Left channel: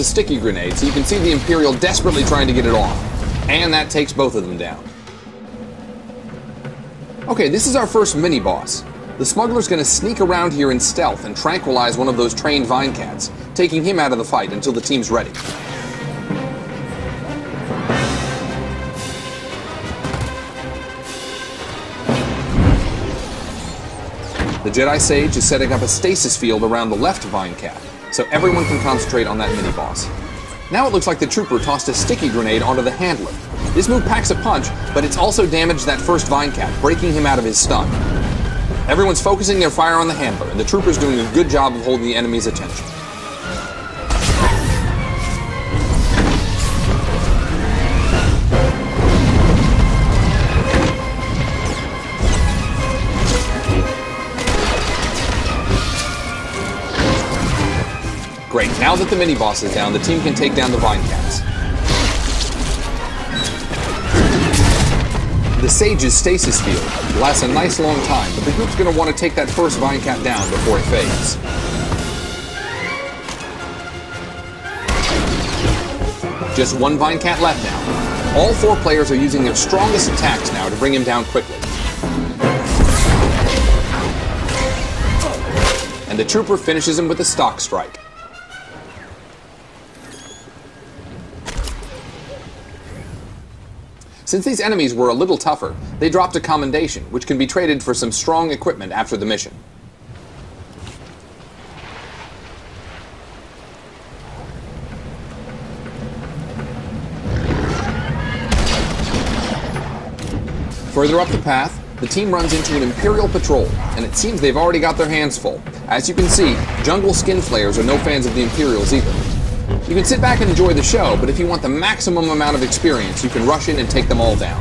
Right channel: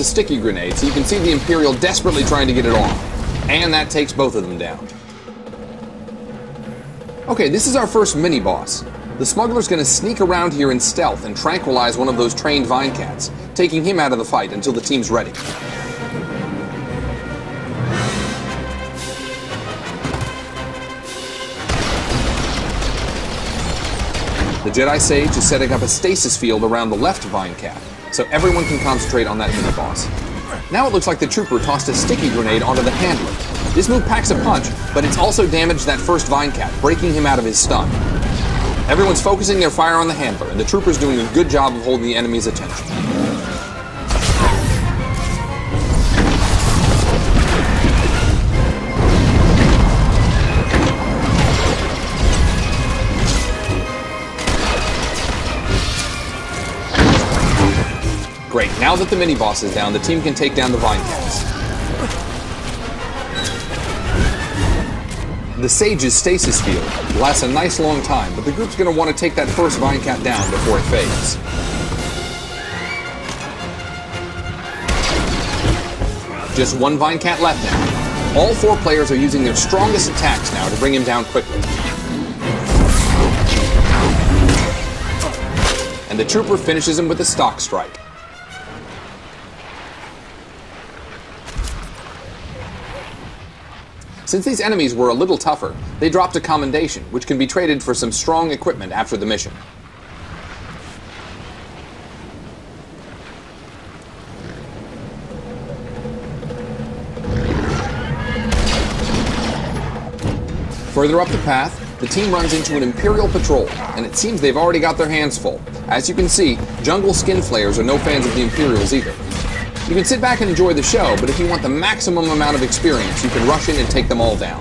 a sticky grenade, so you can see the Imperial desperately trying to get it off. And that takes both of them down. Okay, this is our first mini-boss. The smuggler's going to sneak around here in stealth and tranquilize one of those trained vine cats, taking him out of the fight until the team's ready. The Jedi Sage is setting up a stasis field around the left vine cat, so everyone can concentrate on that mini-boss. Now it looks like the trooper tossed a sticky grenade onto the handler. This move packs a punch, but it's also damaged that first vine cat, breaking him out of his stun. Everyone's focusing their fire on the handler, and the trooper's doing a good job of holding the enemy's attention. Great, now that the mini-boss is down, the team can take down the vine cats. The Sage's stasis field lasts a nice long time, but the group's going to want to take that first vine cat down before it fades. Just one vine cat left now. All four players are using their strongest attacks now to bring him down quickly. And the trooper finishes him with a stock strike. Since these enemies were a little tougher, they dropped a commendation, which can be traded for some strong equipment after the mission. Further up the path, the team runs into an Imperial patrol, and it seems they've already got their hands full. As you can see, jungle skin flayers are no fans of the Imperials either. You can sit back and enjoy the show, but if you want the maximum amount of experience, you can rush in and take them all down.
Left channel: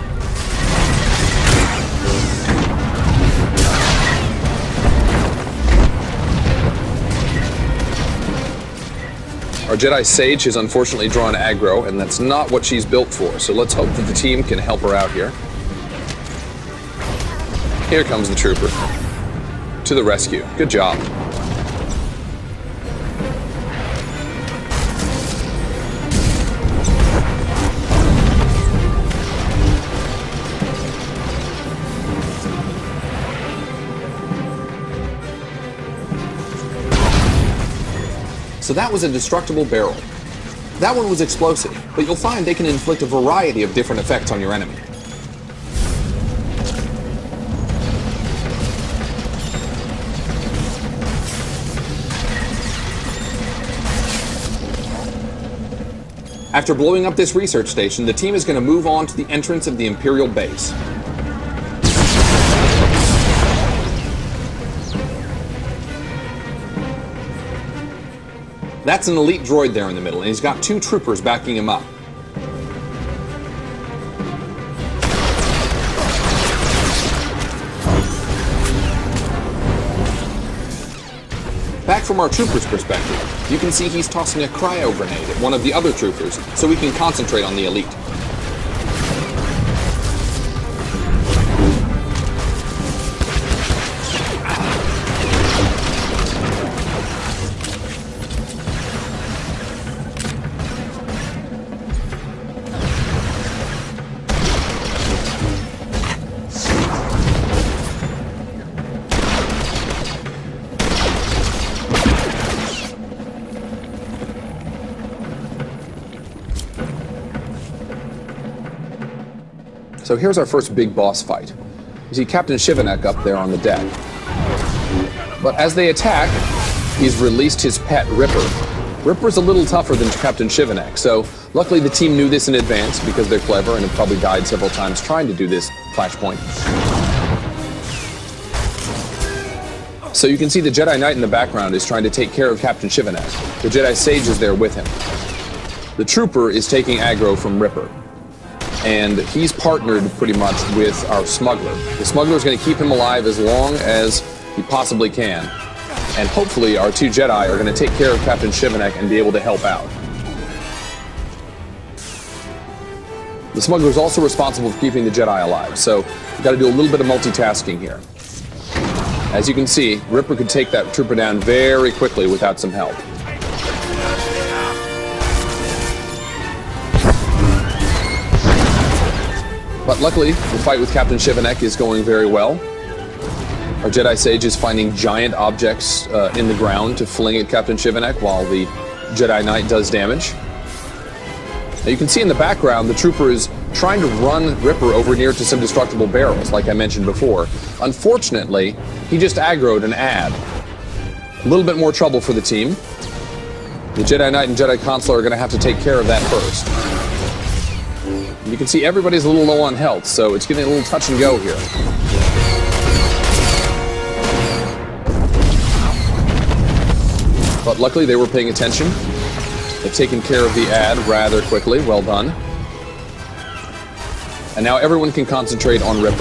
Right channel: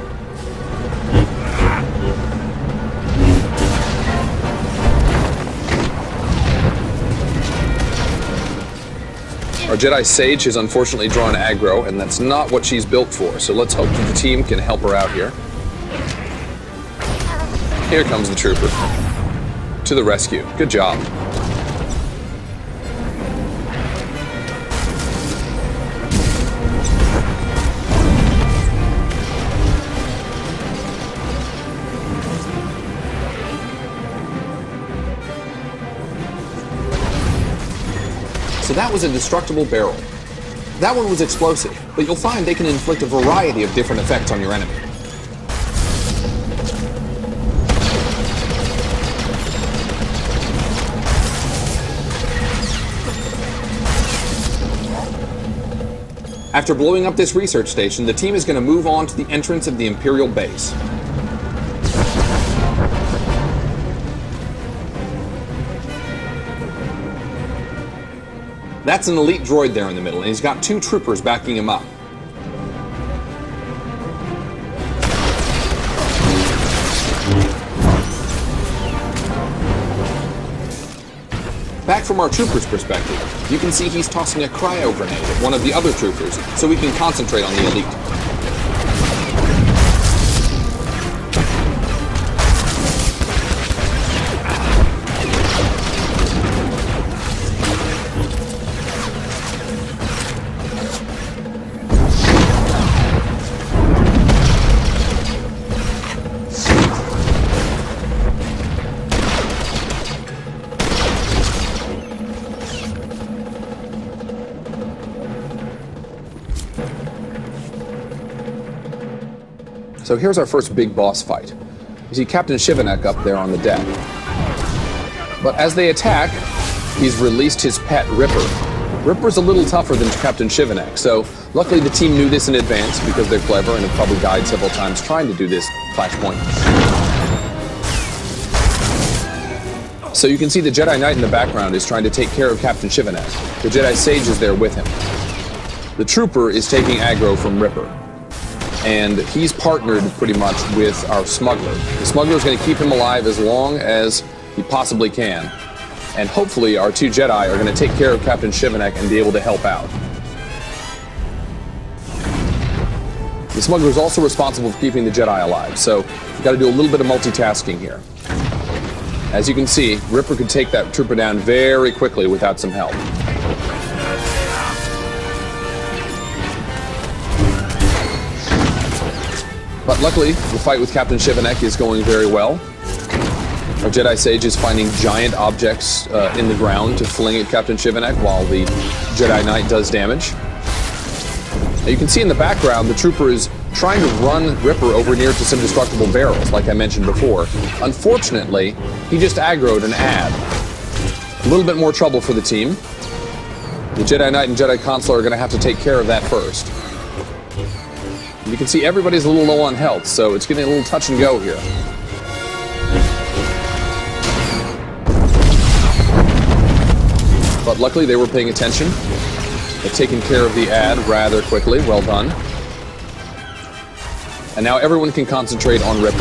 Our Jedi Sage has unfortunately drawn aggro, and that's not what she's built for, so let's hope that the team can help her out here. Here comes the trooper. To the rescue. Good job. So that was a destructible barrel. That one was explosive, but you'll find they can inflict a variety of different effects on your enemy. After blowing up this research station, the team is going to move on to the entrance of the Imperial base. That's an elite droid there in the middle, and he's got two troopers backing him up. Back from our trooper's perspective, you can see he's tossing a cryo grenade at one of the other troopers, so we can concentrate on the elite. So here's our first big boss fight. You see Captain Shivanek up there on the deck. But as they attack, he's released his pet, Ripper. Ripper's a little tougher than Captain Shivanek, so luckily the team knew this in advance because they're clever and have probably died several times trying to do this flashpoint. So you can see the Jedi Knight in the background is trying to take care of Captain Shivanek. The Jedi Sage is there with him. The Trooper is taking aggro from Ripper. And he's partnered pretty much with our smuggler. The smuggler's going to keep him alive as long as he possibly can. And hopefully our two Jedi are going to take care of Captain Shivanek and be able to help out. The smuggler's also responsible for keeping the Jedi alive, so you've got to do a little bit of multitasking here. As you can see, Ripper can take that trooper down very quickly without some help. But luckily, the fight with Captain Shivanek is going very well. Our Jedi Sage is finding giant objects in the ground to fling at Captain Shivanek while the Jedi Knight does damage. Now you can see in the background the trooper is trying to run Ripper over near to some destructible barrels, like I mentioned before. Unfortunately, he just aggroed an ad. A little bit more trouble for the team. The Jedi Knight and Jedi Consular are going to have to take care of that first. You can see everybody's a little low on health, so it's getting a little touch and go here. But luckily they were paying attention. They've taken care of the ad rather quickly. Well done. And now everyone can concentrate on Ripper.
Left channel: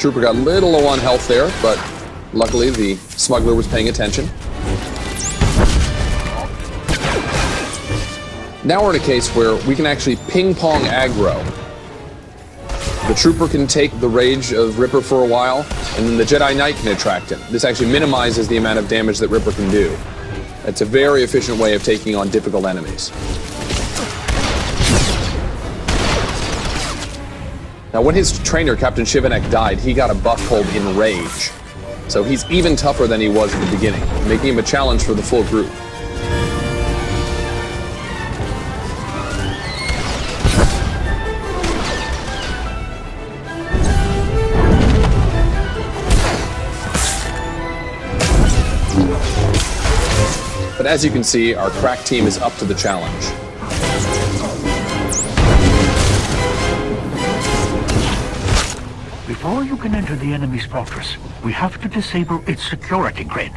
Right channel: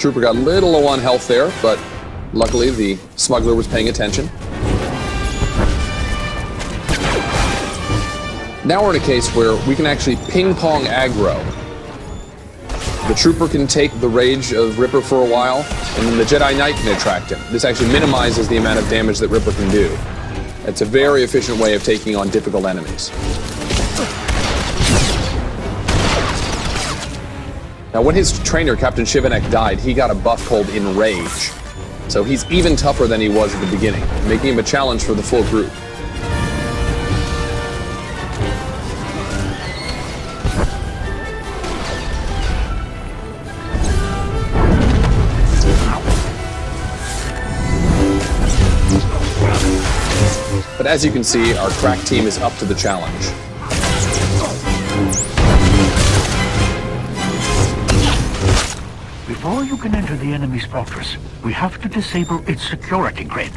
Trooper got a little low on health there, but luckily the smuggler was paying attention. Now we're in a case where we can actually ping-pong aggro. The trooper can take the rage of Ripper for a while, and then the Jedi Knight can attract him. This actually minimizes the amount of damage that Ripper can do. It's a very efficient way of taking on difficult enemies. Now, when his trainer, Captain Shivanek, died, he got a buff called Enrage. So he's even tougher than he was at the beginning, making him a challenge for the full group. But as you can see, our crack team is up to the challenge. Before you can enter the enemy's fortress, we have to disable its security grid.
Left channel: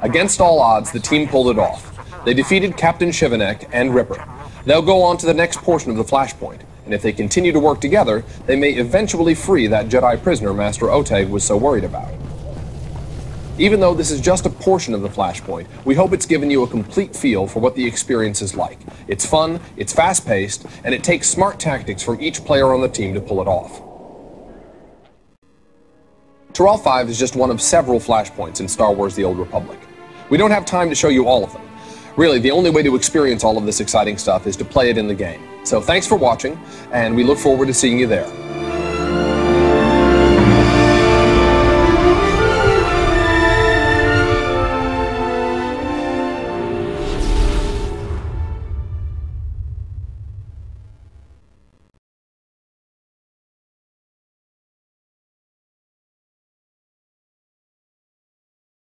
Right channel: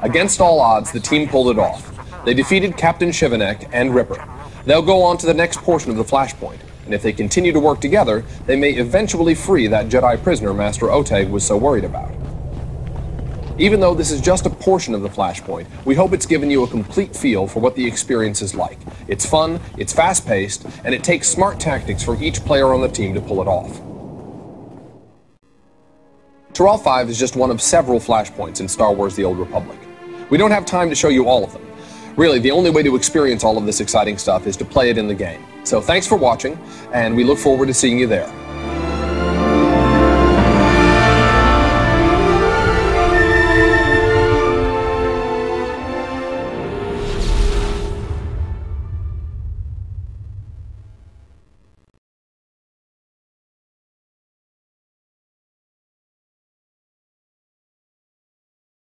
Against all odds, the team pulled it off. They defeated Captain Shivanek and Ripper. They'll go on to the next portion of the flashpoint, and if they continue to work together, they may eventually free that Jedi prisoner Master Oteg was so worried about. Even though this is just a portion of the flashpoint, we hope it's given you a complete feel for what the experience is like. It's fun, it's fast-paced, and it takes smart tactics from each player on the team to pull it off. Taral 5 is just one of several flashpoints in Star Wars The Old Republic. We don't have time to show you all of them. Really, the only way to experience all of this exciting stuff is to play it in the game. So thanks for watching, and we look forward to seeing you there.